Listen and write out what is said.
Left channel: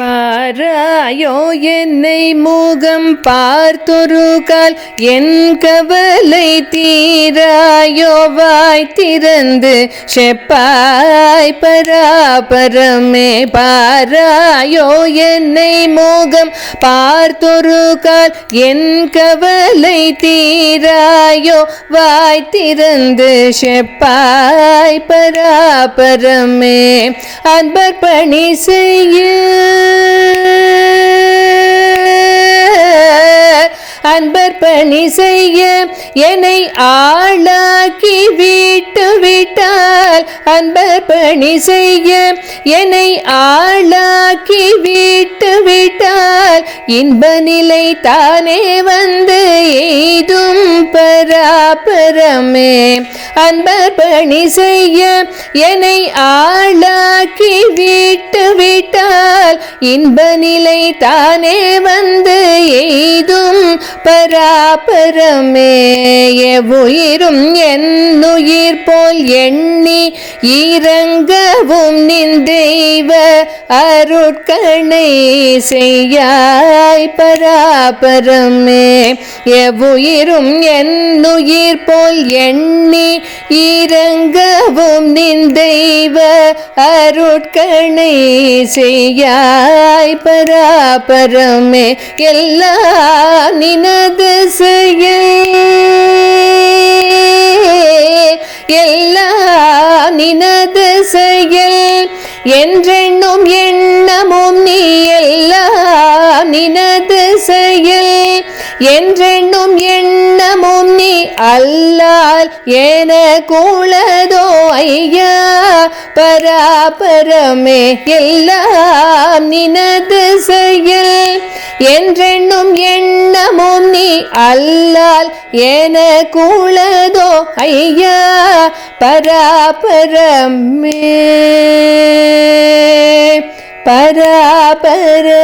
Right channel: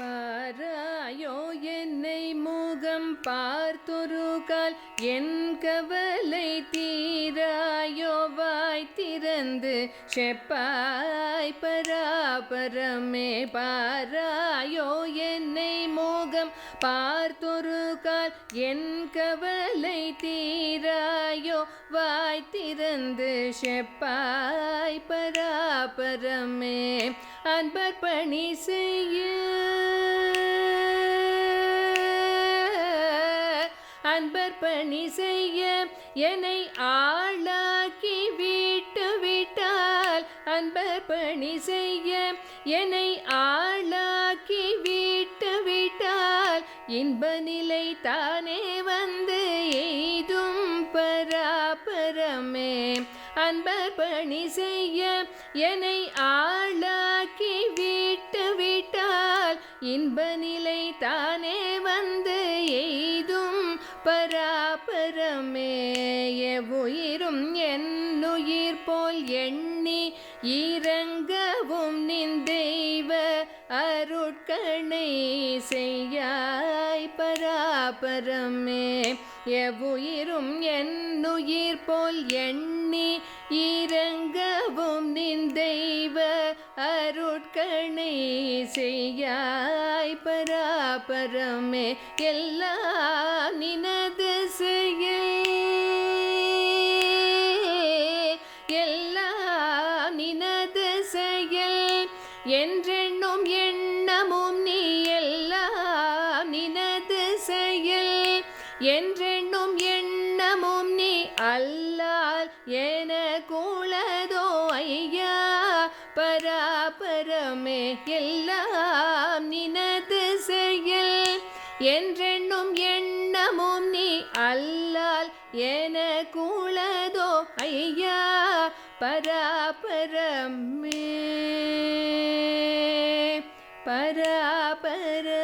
பாராயோ என்னை முகம் பார்த்தொரு கால். என் கவலை தீராயோ வாய் திறந்து செப்பாய். பராபரமே பாராயோ என்னை முகம் பார்த்தொரு கால் என் கவலை தீராயோ வாய் திறந்து செப்பாய் பராபரமே. அன்பர் பணி செய்ய. செய்ய என்னை ஆளாக்கி விட்டு விட்டால் அன்பர் பணி செய்ய என்னை ஆளாக்கி விட்டு விட்டால் இன்ப நிலை தானே வந்து எய்தும் பராபரமே. அன்பர் பணி செய்ய என்னை ஆளாக்கி விட்டு விட்டால் இன்ப நிலை தானே வந்து எய்தும் பராபரமே எவ்வுயிரும் என்னுயிர் போல் எண்ணி இறங்கவும் நின் தெய்வ அருட்கணை செய்யாய் பராபரமே எவ்வுயிரும் என்னுயிர் போல் எண்ணி இறங்கவும் நின் தெய்வ அருட்கணை செய்யாய் பராபரமே எல்லா நினது செய்ய எல்லா நினது செயல் என்றென்னும் எண்ணமும் நீ எல்லா நினது செயல் என்றென்னும் எண்ண அல்லால் என கூளதோ ஐயா பராபரமே எல்லாம் நினது செயல். என்றென்னும் எண்ணமும் நீ அல்லால் என கூளதோ ஐயா பராபரமே. பராபர.